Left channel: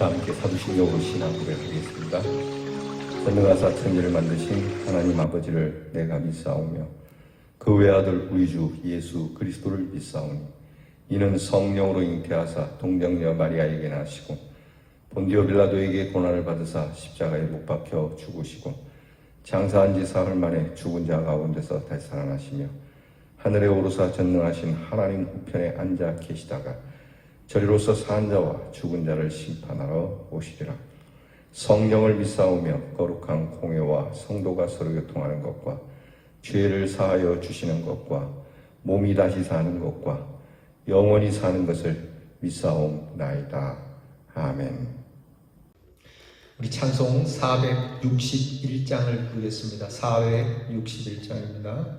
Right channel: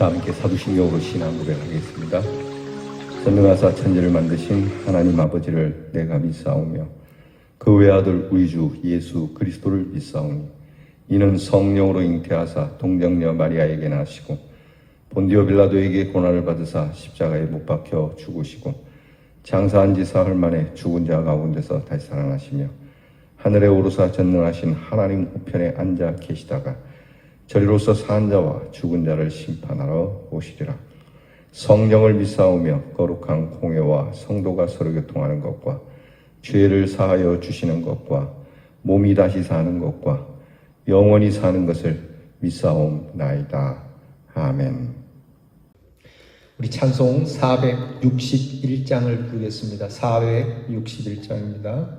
다 함께 사부신경도 신앙을 하겠습니다. 전능하사 천지를 만드신 하나님 아버지를 내가 믿사오며 그 외아들 우리 주 예수 그리스도를 믿사오니 이는 성령으로 잉태하사 동정녀 마리아에게 나시고 본디오 빌라도에게 고난을 받으사 십자가에 못 박혀 죽으시고 장사한 지 사흘 만에 죽은 자 가운데서 다시 살아나시며 하늘에 오르사 전능하신 하나님 우편에 앉아 계시다가 저리로서 사는 자와 죽은 자를 심판하러 오시리라. 성령을 믿사오며 거룩한 공회와 성도가 서로 교통하는 것과 죄를 사하여 주시는 것과 몸이 다시 사는 것과 영원히 사는 것을 믿사옵나이다. 아멘. 우리 찬송 461장을 부르겠습니다. 461장입니다.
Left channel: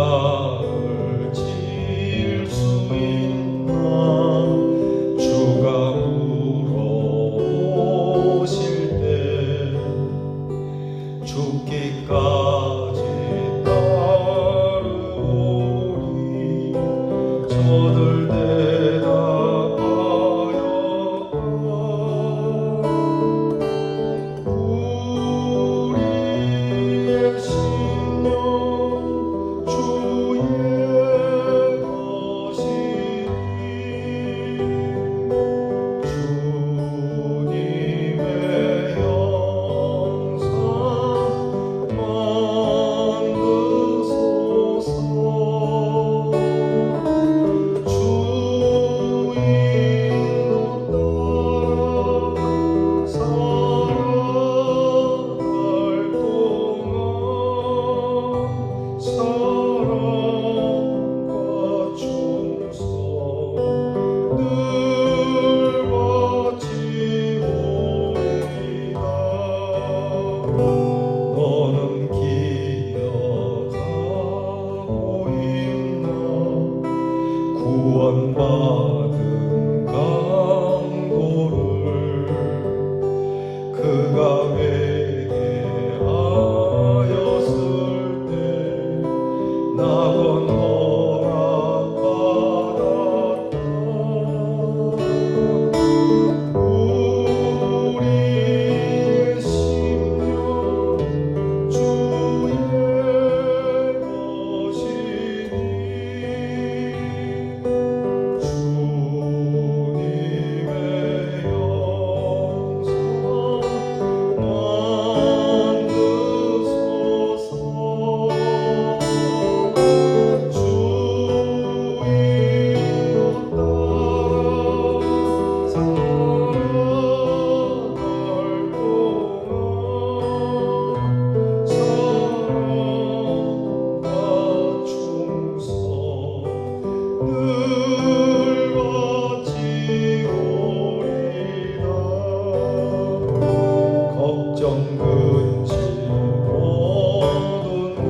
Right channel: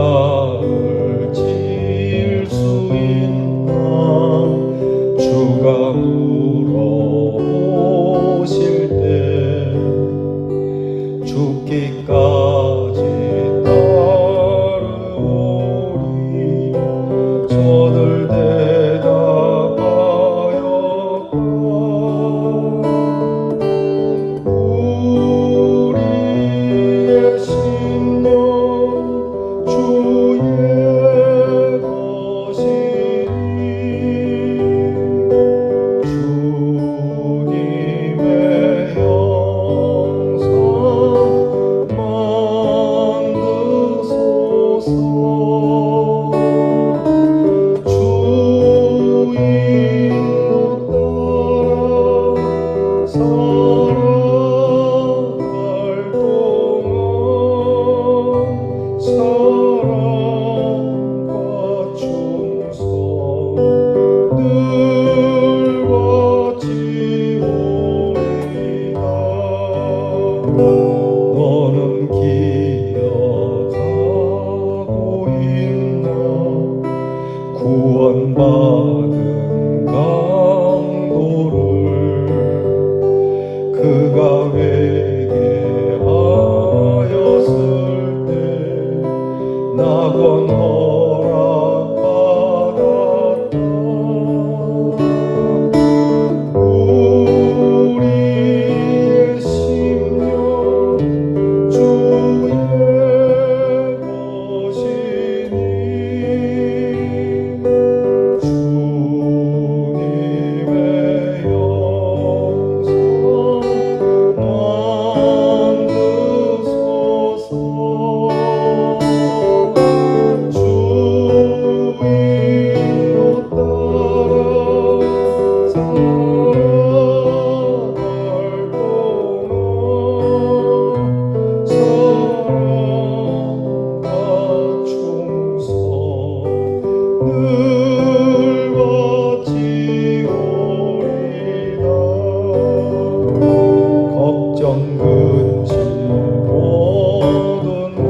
십자가를 질 수 있나 주가 물어보실 때 죽기까지 따르오리 저들 대답하였다. 우리의 심령 주의 것이니 주님의 영상 만드소서. 주 인도 따라 살아갈 동안 사랑과 충성 늘 바치오리이다. 너는 기억하고 있나 구원받은 강도를 그가 회개하였을 때 낙원 허락받았다. 우리의 심령 주의 것이니 주님의 영상 만드소서. 주 인도 따라 살아갈 동안 사랑과 충성 늘 바치오리이다. 걱정 근심 모든 그들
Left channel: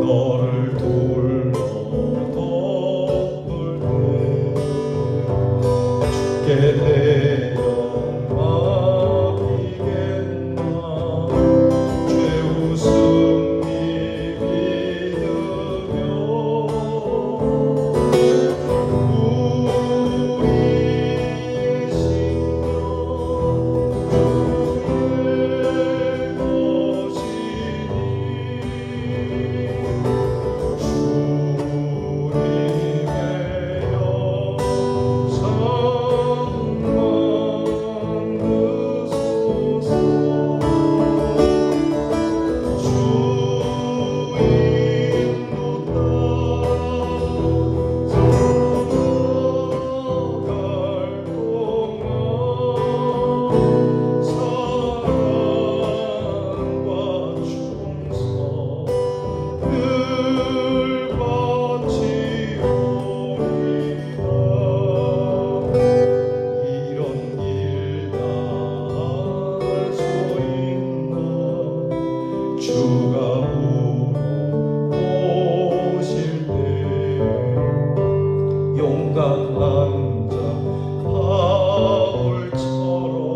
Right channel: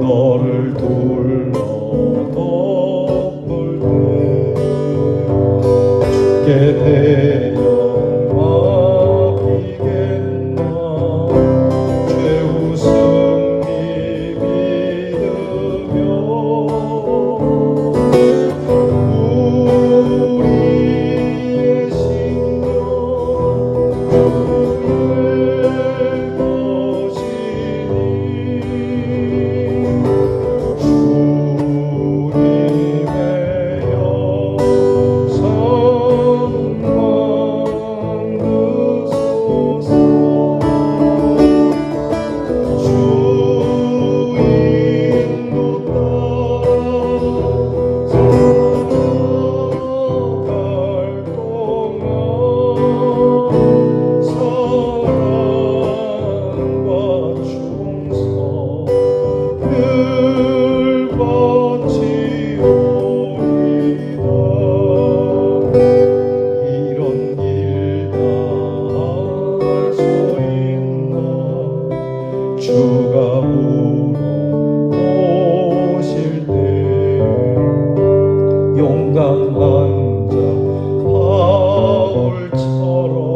너를 둘러 덮을 때 주께 대여 맡기겠나 죄우 승리 믿으며 우리의 심령 주의 것이니 주님의 영상 만드소서. 주 인도 따라 살아갈 동안 사랑과 충성 늘 바치오리이다. 이런 길 다 할 수 있나 주가 물어보실 때 용감한 자 바울처럼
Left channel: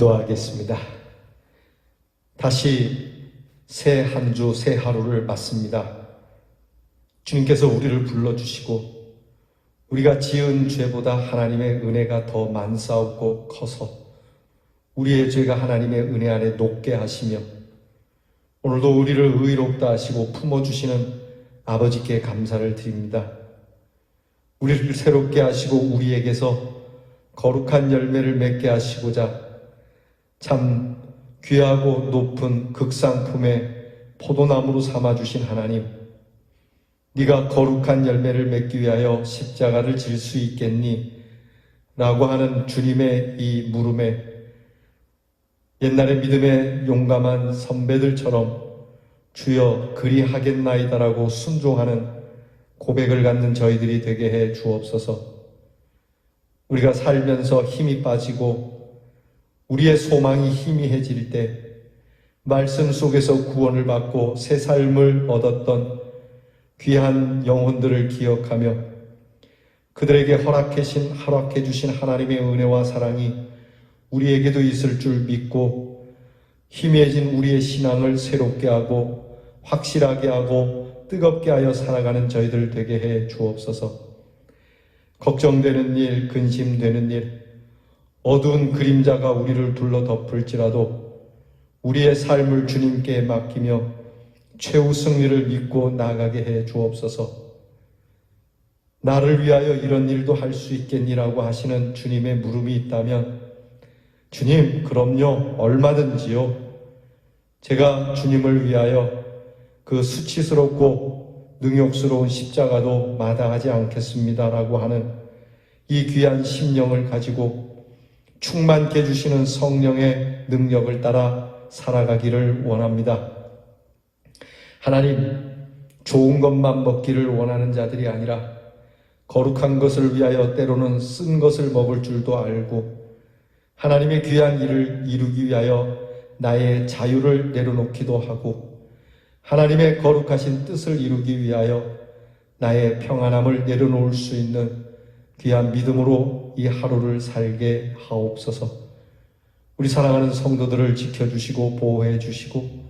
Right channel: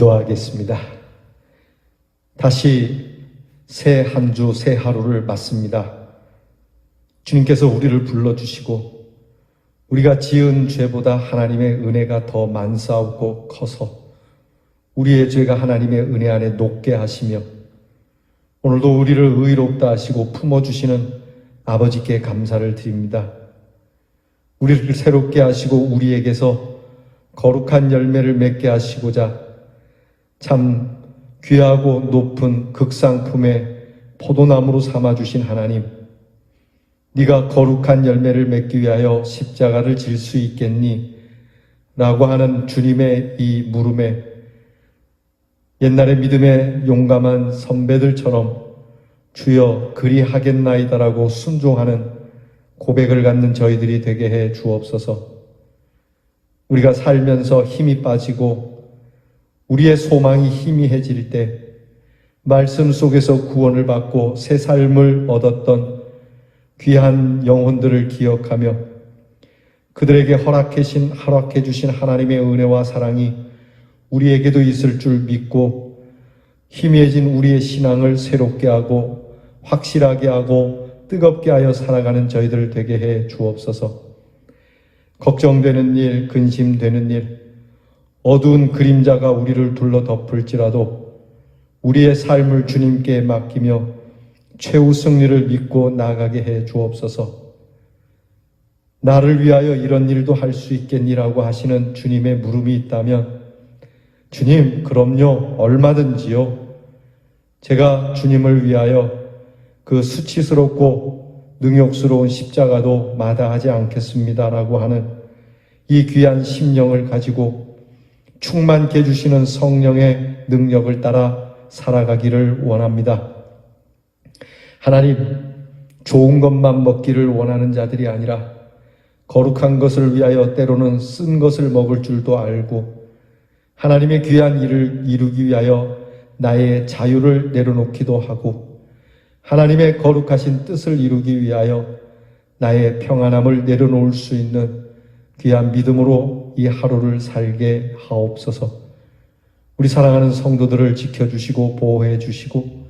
기도하겠습니다. 다시 새 한 주, 새 하루를 맞습니다. 주님께서 우리를 불러주시고 우리가 지은 죄보다 하나님의 은혜가 더 만사하고 커서 우리의 죄가 하나님의 은혜 안에 녹게 하시며 오늘도 우리를 의롭다 하시고 품어주시는 아버지께 감사를 드립니다. 우리를 새롭게 하시고 우리에게서 거룩한 열매를 맺게 하시고자 참 귀하고 높은 극상품의 포도나무로 삼아주신 하나님, 네가 거룩한 열매를 맺기 위하여 십자가를 질 수 있겠니? 라고 하는 주님의 이 물음에 옛날의 믿음의 용감한 선배들처럼 주여 그리하겠나이다라고 순종하는 고백을 갖는 저희들이 되게 해 주옵소서. 우리가 살면서 힘이 빠지고 우리의 소망이 희미해질 때 말씀 속에서 구원을 받고 새 삶을 얻었던 귀한 영혼들을 기억하며 그들에게 허락해 주신 하나님의 은혜와 사랑이 우리에게도 있을 줄 믿고 희미해진 우리의 신앙을 새롭게 하고 확실하게 하고 뜨겁게 하여 살아가는 저희들 되게 해 주옵소서. 걱정되는 일, 근심되는 일, 어두운 그림자가 우리를 둘러 덮을지라도 우리의 삶을 주님께 맡기며 최후 승리를 믿고 나아가게 해 주옵소서. 나를 위하여 이런 일도 할 수 있겠니라고 하시는 주님의 물음이 있다면 주님, 그럼요, 얼마든지요. 제가 주님을 위하여 그 수치스럽고 능욕스러운 십자가도 마다하지 않겠습니다라고 하는 이 귀한 심령을 가지고 충만케 해주시는 성령의 능력을 따라 살아가기를 원합니다. 하나님, 좋은 것만 먹기를 원하는 자들이 아니라 거룩한 것을 위하여 때로는 쓴 것을 먹을 줄도 알고 하나님의 귀한 일을 이루기 위하여 나의 자유를 내려놓기도 하고 하나님의 거룩하신 뜻을 이루기 위하여 나의 평안함을 내려놓을 수 있는 귀한 믿음으로 이 하루를 살게 하옵소서. 우리 사랑하는 성도들을 지켜주시고 보호해 주시고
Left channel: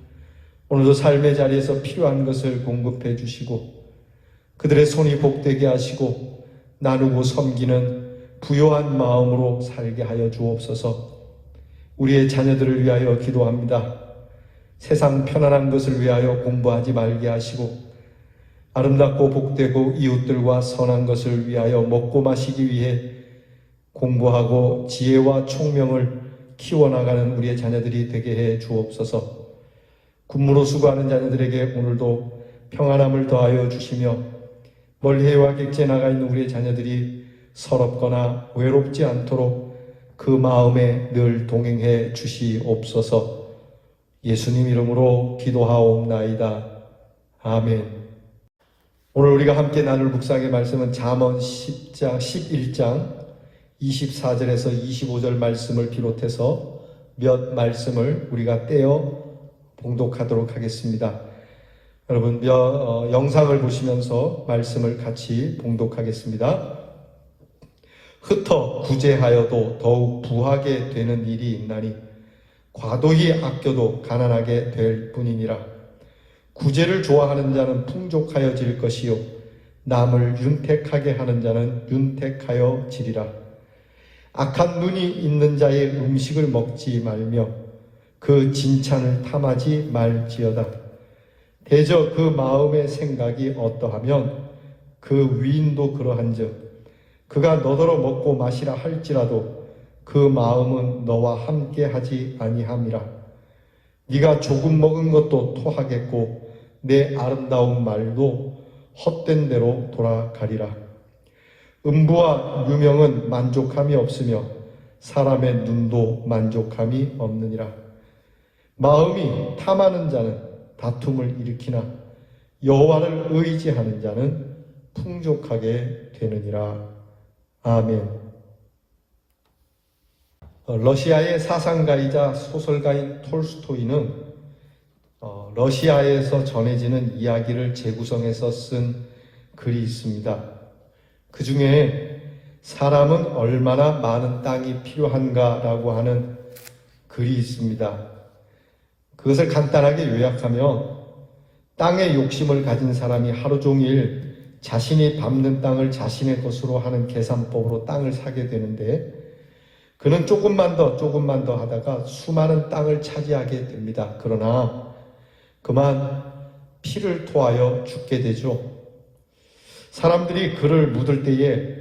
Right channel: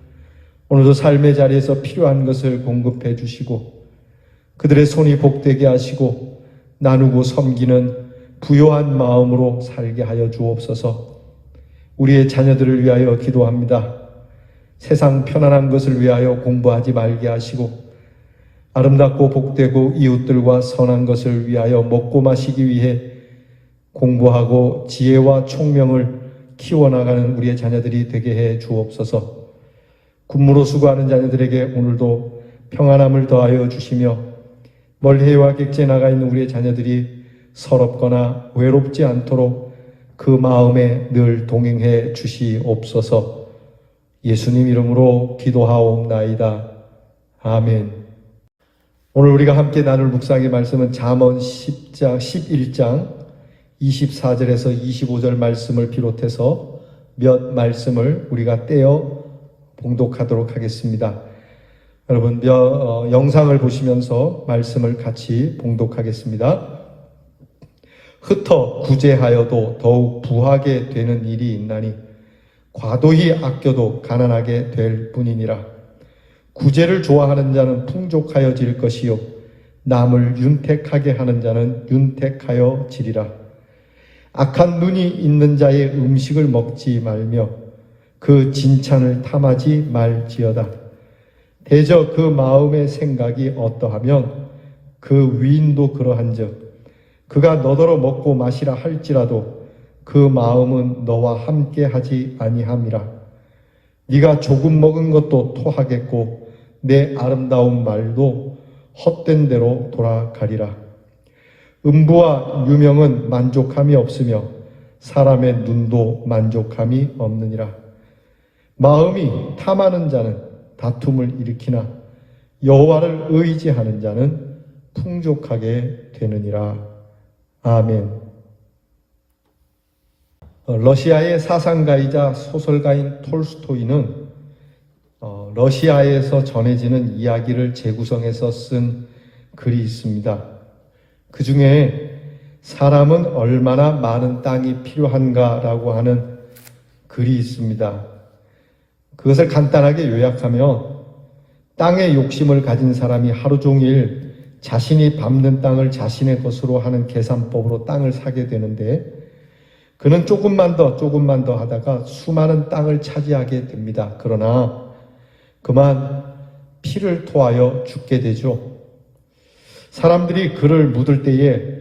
오늘도 삶의 자리에서 필요한 것을 공급해 주시고 그들의 손이 복되게 하시고 나누고 섬기는 부요한 마음으로 살게 하여 주옵소서. 우리의 자녀들을 위하여 기도합니다. 세상 편안한 것을 위하여 공부하지 말게 하시고 아름답고 복되고 이웃들과 선한 것을 위하여 먹고 마시기 위해 공부하고 지혜와 총명을 키워나가는 우리의 자녀들이 되게 해 주옵소서. 군무로 수고하는 자녀들에게 오늘도 평안함을 더하여 주시며 멀리와 객지에 나가 있는 우리의 자녀들이 서럽거나 외롭지 않도록 그 마음에 늘 동행해 주시옵소서. 예수님 이름으로 기도하옵나이다. 아멘. 오늘 우리가 함께 나눌 묵상의 말씀은 잠언 11장 24절에서 25절 말씀을 비롯해서 몇 말씀을 우리가 떼어 봉독하도록 하겠습니다. 여러분 영상을 보시면서 말씀을 같이 봉독하겠습니다. 흩어 구제하여도 더욱 부하게 되는 일이 있나니 과도히 아껴도 가난하게 될 뿐이니라. 구제를 좋아하는 자는 풍족하여질 것이요 남을 윤택하게 하는 자는 윤택하여지리라. 악한 눈이 있는 자의 음식을 먹지 말며 그 진찬을 탐하지 말지어다. 대저 그 마음의 생각이 어떠하면 그 위인도 그러한즉 그가 너더러 먹고 마시라 할지라도 그 마음은 너와 함께하지 아니함이라. 네가 조금 먹은 것도 토하겠고 내 아름다운 말도 헛된 대로 돌아가리라. 음부와 유명은 만족함이 없으며 사람의 눈도 만족함이 없느니라. 마음이 탐하는 자는 다툼을 일으키나 여호와를 의지하는 자는 풍족하게 되느니라. 아멘. 러시아의 사상가이자 소설가인 톨스토이는 러시아에서 전해지는 이야기를 재구성해서 쓴 글이 있습니다. 그 중에 사람은 얼마나 많은 땅이 필요한가라고 하는 글이 있습니다. 그것을 간단하게 요약하며 땅의 욕심을 가진 사람이 하루 종일 자신이 밟는 땅을 자신의 것으로 하는 계산법으로 땅을 사게 되는데 그는 조금만 더 하다가 수많은 땅을 차지하게 됩니다. 그러나 그만 피를 토하여 죽게 되죠. 사람들이 그를 묻을 때에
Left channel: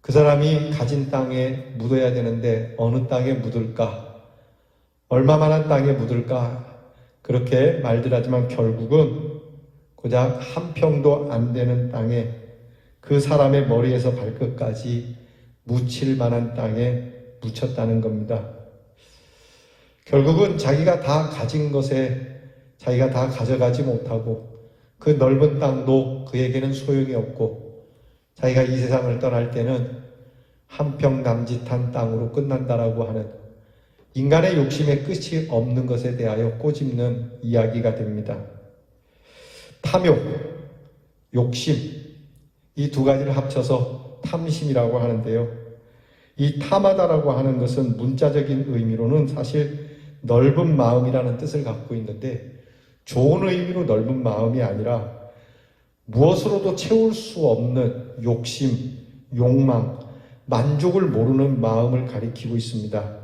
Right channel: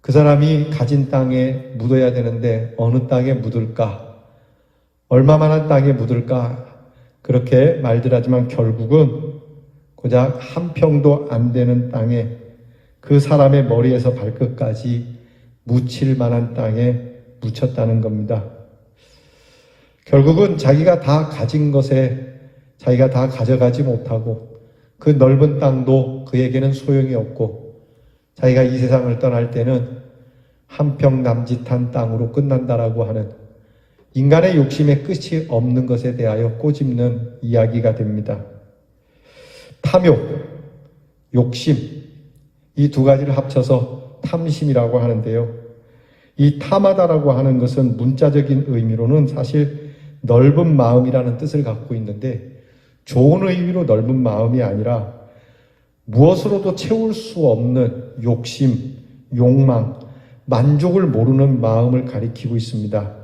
그 사람이 가진 땅에 묻어야 되는데 어느 땅에 묻을까? 얼마만한 땅에 묻을까? 그렇게 말들 하지만 결국은 고작 한 평도 안 되는 땅에 그 사람의 머리에서 발끝까지 묻힐 만한 땅에 묻혔다는 겁니다. 결국은 자기가 다 가진 것에 자기가 다 가져가지 못하고 그 넓은 땅도 그에게는 소용이 없고 자기가 이 세상을 떠날 때는 한평 남짓한 땅으로 끝난다라고 하는 인간의 욕심의 끝이 없는 것에 대하여 꼬집는 이야기가 됩니다. 탐욕, 욕심, 이 두 가지를 합쳐서 탐심이라고 하는데요. 이 탐하다라고 하는 것은 문자적인 의미로는 사실 넓은 마음이라는 뜻을 갖고 있는데 좋은 의미로 넓은 마음이 아니라 무엇으로도 채울 수 없는 욕심, 욕망, 만족을 모르는 마음을 가리키고 있습니다.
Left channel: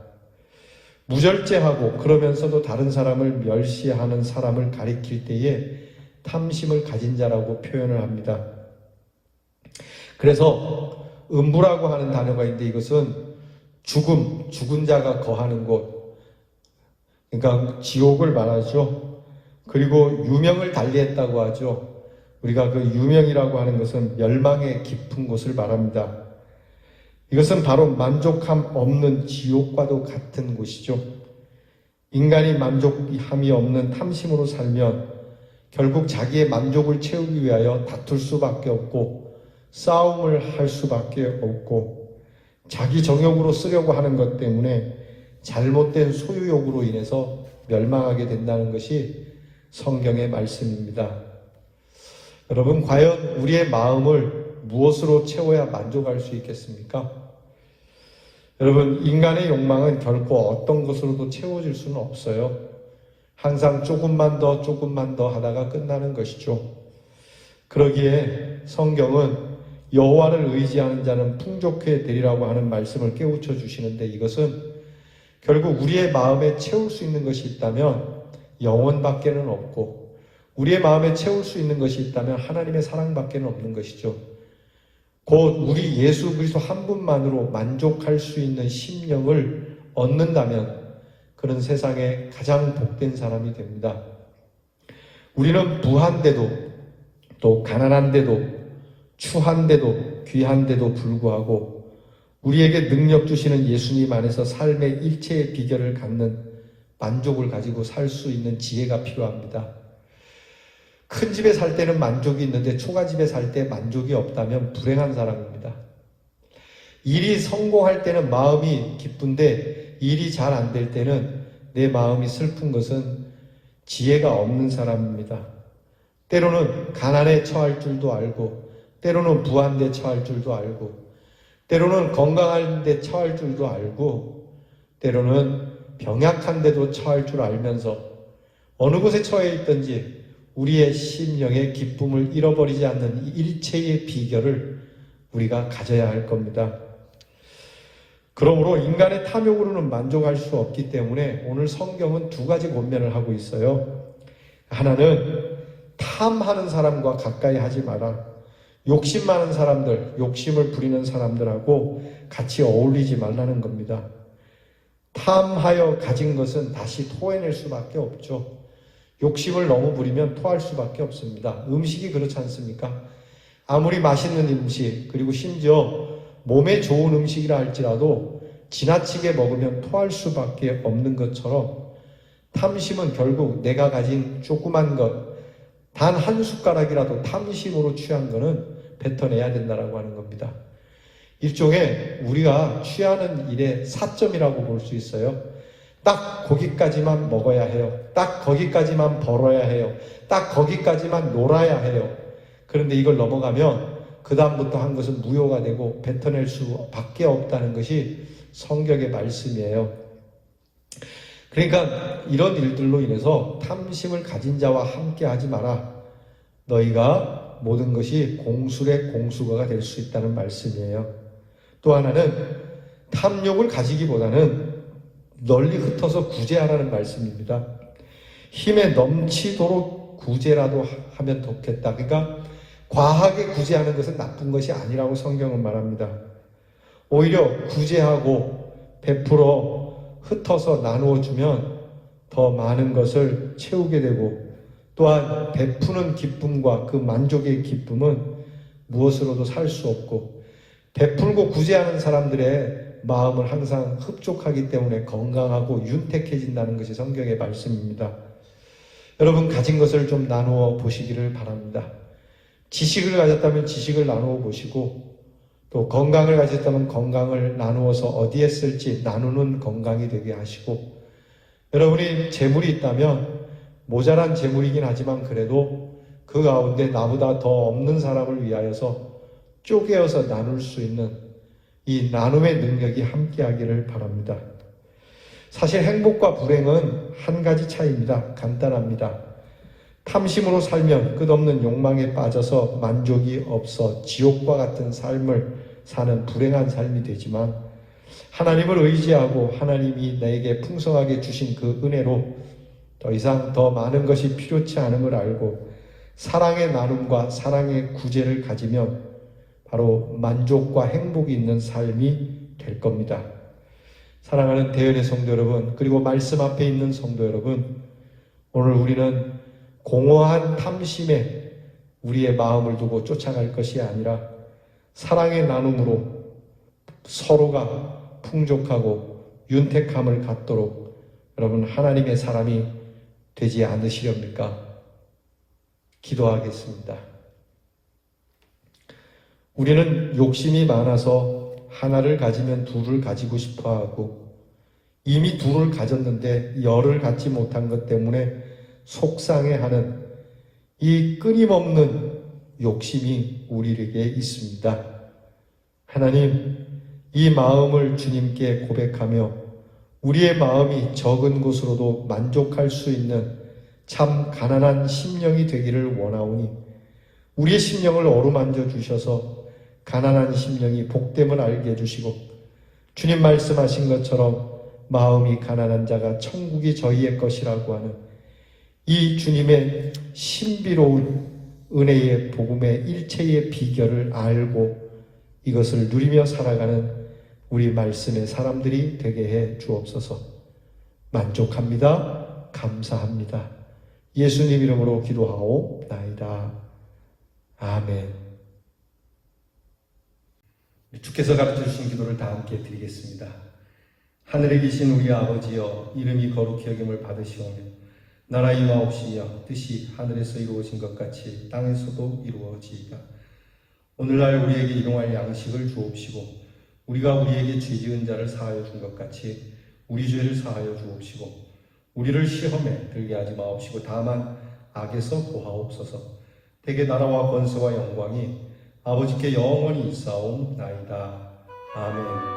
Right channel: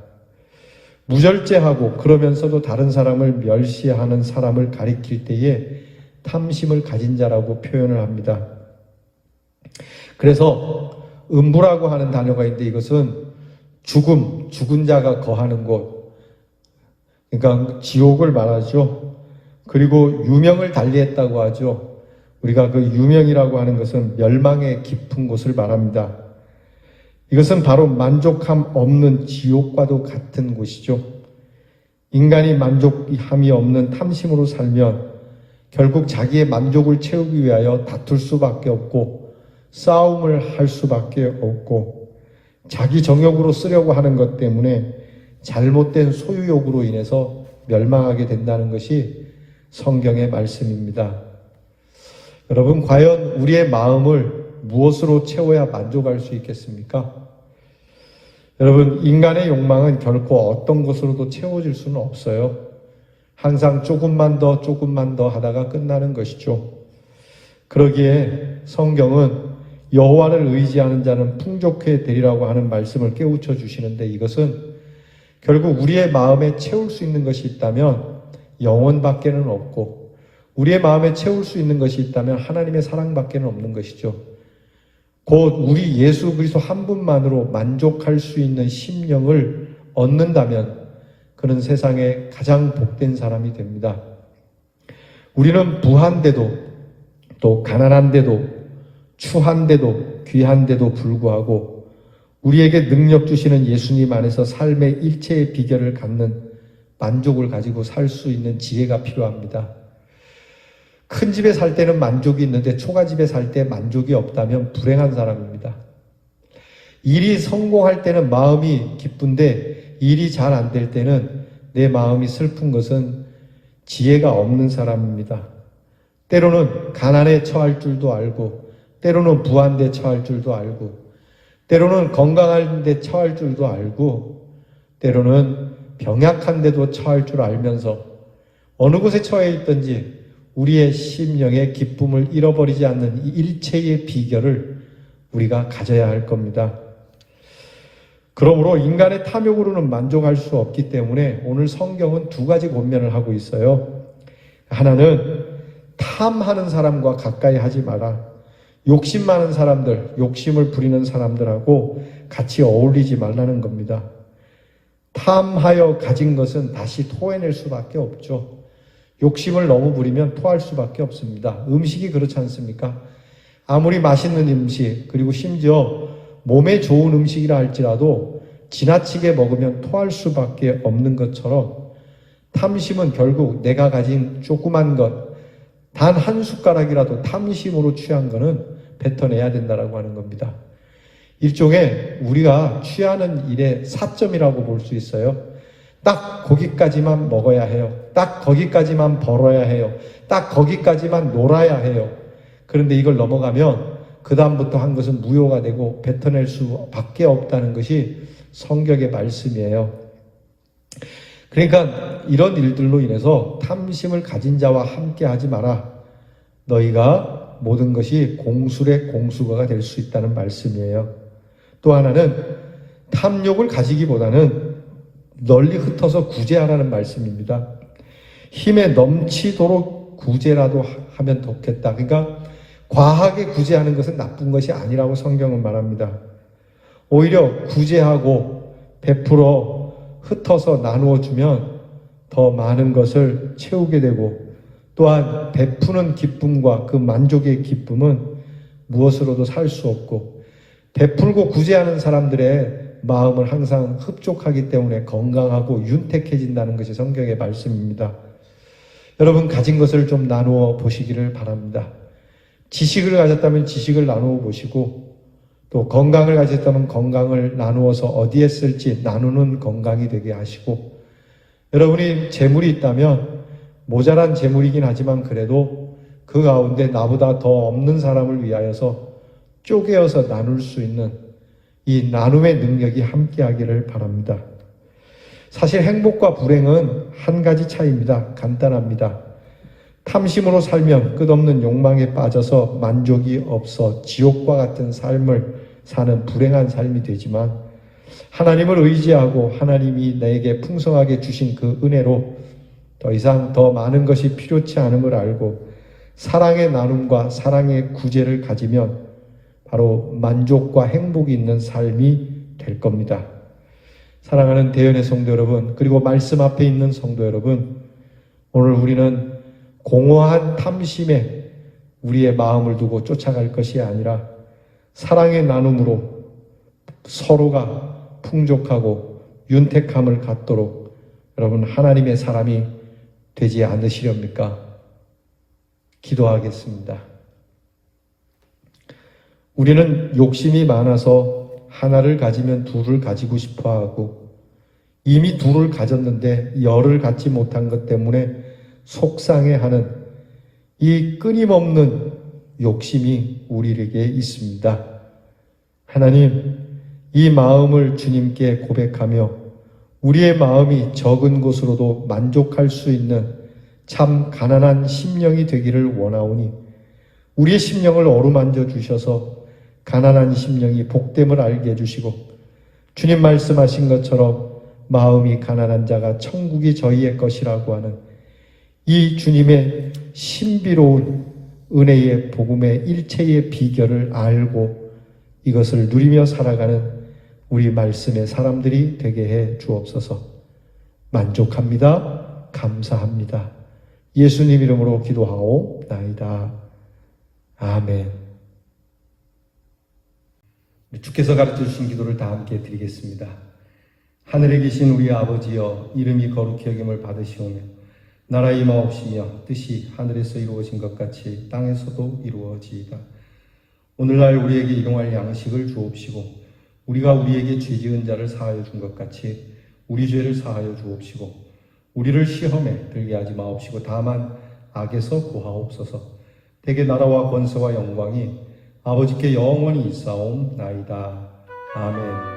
무절제하고 그러면서도 다른 사람을 멸시하는 사람을 가리킬 때에 탐심을 가진 자라고 표현을 합니다. 그래서 음부라고 하는 단어가 있는데 이것은 죽은 자가 거하는 곳, 그러니까 지옥을 말하죠. 그리고 유명을 달리했다고 하죠. 우리가 그 유명이라고 하는 것은 멸망의 깊은 곳을 말합니다. 이것은 바로 만족함 없는 지옥과도 같은 곳이죠. 인간이 만족함이 없는 탐심으로 살면 결국 자기의 만족을 채우기 위하여 다툴 수밖에 없고 싸움을 할 수밖에 없고 자기 정욕으로 쓰려고 하는 것 때문에 잘못된 소유욕으로 인해서 멸망하게 된다는 것이 성경의 말씀입니다. 여러분, 과연 우리의 마음을 무엇으로 채워야 만족할 수 있겠습니까? 여러분, 인간의 욕망은 결코 어떤 것으로도 채워질 수는 없어요. 항상 조금만 더 하다가 끝나는 것이죠. 그러기에 성경은 여호와를 의지하는 자는 풍족해 되리라고 하는 말씀을 깨우쳐 주시는데 이것은 결국 우리의 마음에 채울 수 있는 것이 있다면 영혼밖에는 없고 우리의 마음에 채울 수 있는 것이 있다면 하나님의 사랑밖에는 없는 것이죠. 곧 우리 예수 그리스도 한 분만으로 만족할 수 있는 심령을 얻는다면 그는 세상에 가장 복된 사람이 됩니다. 우리는 부한데도 또 가난한데도 추한데도 귀한데도 불구하고 우리에게 능력 주시는 예수님 안에서 삶의 일체의 비결을 갖는 만족을 가지고 살 수 있는 지혜가 필요합니다. 큰 집에 살 때는 만족이 있는데 초가집에 살 때 만족이 없다면 불행한 사람입니다. 일이 성공할 때는 마음이 기쁜데 일이 잘 안 될 때는 내 마음이 슬픈 것은 지혜가 없는 사람입니다. 때로는 가난에 처할 줄도 알고 때로는 부한데 처할 줄도 알고 때로는 건강한데 처할 줄도 알고 때로는 병약한데도 처할 줄 알면서 어느 곳에 처해 있든지 우리의 심령의 기쁨을 잃어버리지 않는 이 일체의 비결을 우리가 가져야 할 겁니다. 그러므로 인간의 탐욕으로는 만족할 수 없기 때문에 오늘 성경은 두 가지 권면을 하고 있어요. 하나는 탐하는 사람과 가까이 하지 마라. 욕심 많은 사람들, 욕심을 부리는 사람들하고 같이 어울리지 말라는 겁니다. 탐하여 가진 것은 다시 토해낼 수밖에 없죠. 욕심을 너무 부리면 토할 수밖에 없습니다. 음식이 그렇지 않습니까? 아무리 맛있는 음식, 그리고 심지어 몸에 좋은 음식이라 할지라도 지나치게 먹으면 토할 수밖에 없는 것처럼 탐심은 결국 내가 가진 조그만 것, 단 한 숟가락이라도 탐심으로 취한 거는 뱉어내야 된다고 하는 겁니다. 일종의 우리가 취하는 일의 사점이라고 볼 수 있어요. 딱 거기까지만 먹어야 해요. 딱 거기까지만 벌어야 해요. 딱 거기까지만 놀아야 해요. 그런데 이걸 넘어가면 그 다음부터 한 것은 무효가 되고 뱉어낼 수밖에 없다는 것이 성경의 말씀이에요. 그러니까 이런 일들로 인해서 탐심을 가진 자와 함께 하지 마라. 너희가 모든 것이 공술의 공수가 될 수 있다는 말씀이에요. 또 하나는 탐욕을 가지기보다는 널리 흩어서 구제하라는 말씀입니다. 힘에 넘치도록 구제라도 하면 좋겠다. 그러니까 과하게 구제하는 것은 나쁜 것이 아니라고 성경은 말합니다. 오히려 구제하고 베풀어 흩어서 나누어 주면 더 많은 것을 채우게 되고, 또한 베푸는 기쁨과 그 만족의 기쁨은 무엇으로도 살 수 없고, 베풀고 구제하는 사람들의 마음은 항상 흡족하기 때문에 건강하고 윤택해진다는 것이 성경의 말씀입니다. 여러분, 가진 것을 좀 나누어 보시기를 바랍니다. 지식을 가졌다면 지식을 나누어 보시고, 또 건강을 가졌다면 건강을 나누어서 어디에 쓸지 나누는 건강이 되게 하시고, 여러분이 재물이 있다면 모자란 재물이긴 하지만 그래도 그 가운데 나보다 더 없는 사람을 위하여서 쪼개어서 나눌 수 있는 이 나눔의 능력이 함께하기를 바랍니다. 사실 행복과 불행은 한 가지 차이입니다. 간단합니다. 탐심으로 살면 끝없는 욕망에 빠져서 만족이 없어 지옥과 같은 삶을 사는 불행한 삶이 되지만, 하나님을 의지하고 하나님이 내게 풍성하게 주신 그 은혜로 더 이상 더 많은 것이 필요치 않은 걸 알고 사랑의 나눔과 사랑의 구제를 가지면 바로 만족과 행복이 있는 삶이 될 겁니다. 사랑하는 대연의 성도 여러분, 그리고 말씀 앞에 있는 성도 여러분, 오늘 우리는 공허한 탐심에 우리의 마음을 두고 쫓아갈 것이 아니라 사랑의 나눔으로 서로가 풍족하고 윤택함을 갖도록 여러분 하나님의 사람이 되지 않으시렵니까? 기도하겠습니다. 우리는 욕심이 많아서 하나를 가지면 둘을 가지고 싶어 하고, 이미 둘을 가졌는데 열을 갖지 못한 것 때문에 속상해하는 이 끊임없는 욕심이 우리에게 있습니다. 하나님, 이 마음을 주님께 고백하며 우리의 마음이 적은 것으로도 만족할 수 있는 참 가난한 심령이 되기를 원하오니, 우리의 심령을 어루만져 주셔서 가난한 심령이 복됨을 알게 해주시고, 주님 말씀하신 것처럼 마음이 가난한 자가 천국이 저희의 것이라고 하는 이 주님의 신비로운 은혜의 복음의 일체의 비결을 알고 이것을 누리며 살아가는 우리 말씀의 사람들이 되게 해 주옵소서. 만족합니다. 감사합니다. 예수님 이름으로 기도하옵나이다. 아멘. 주께서 가르쳐 주신 기도를 다 함께 드리겠습니다. 하늘에 계신 우리 아버지여, 이름이 거룩히 여김을 받으시오며 나라 임하옵시며 뜻이 하늘에서 이루어진 것 같이 땅에서도 이루어지이다. 오늘날 우리에게 일용할 양식을 주옵시고, 우리가 우리에게 죄 지은 자를 사하여 준 것 같이 우리 죄를 사하여 주옵시고, 우리를 시험에 들게 하지 마옵시고 다만 악에서 구하옵소서. 대개 나라와 권세와 영광이 아버지께 영원히 있사옵나이다. 아멘.